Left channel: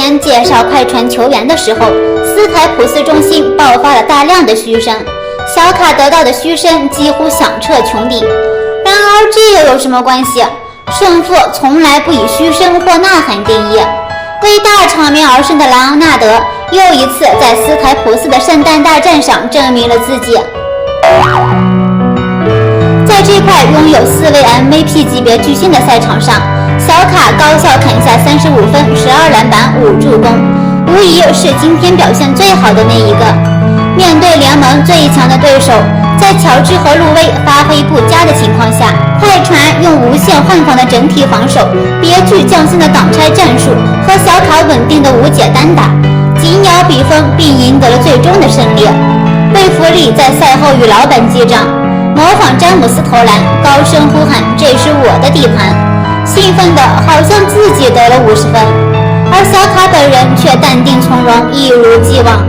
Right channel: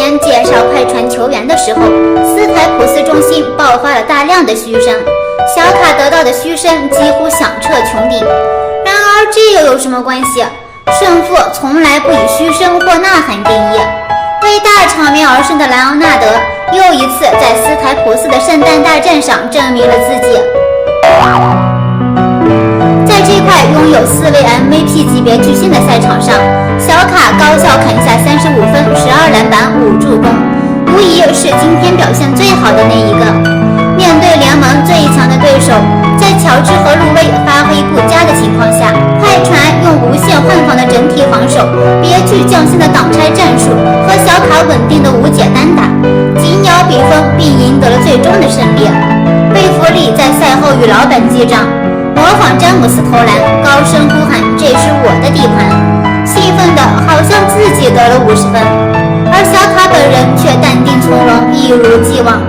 前介绍快船球员的时候，斯台普斯中心爆发了大量的嘘声，小卡得到的嘘声几乎响彻穹顶。然而这又有什么关系？胜负从来不以嘘声或呐喊定义。为大场面而生的莱昂纳德又一次在斯台普斯的圣诞大战上证明了自己。在这块拥有4位 MVP 级别巨星的赛场上，小卡高效砍下35分、12篮板、5助攻，无疑是今天表现最好的那一个。面对联盟最强的对手，在乔治和路威发挥不佳的情况下，快船用无限换防的整体防守、别具匠心的挡拆战术和小卡稳定的无解单打，紧咬比分并赢得了最终的胜利。贝弗利在赛后与老板击掌，模仿詹姆斯投篮，高声呼喊：“这是我的地盘！”兴奋的好像自己得了50分，而小卡本人却淡定从容，一如既往。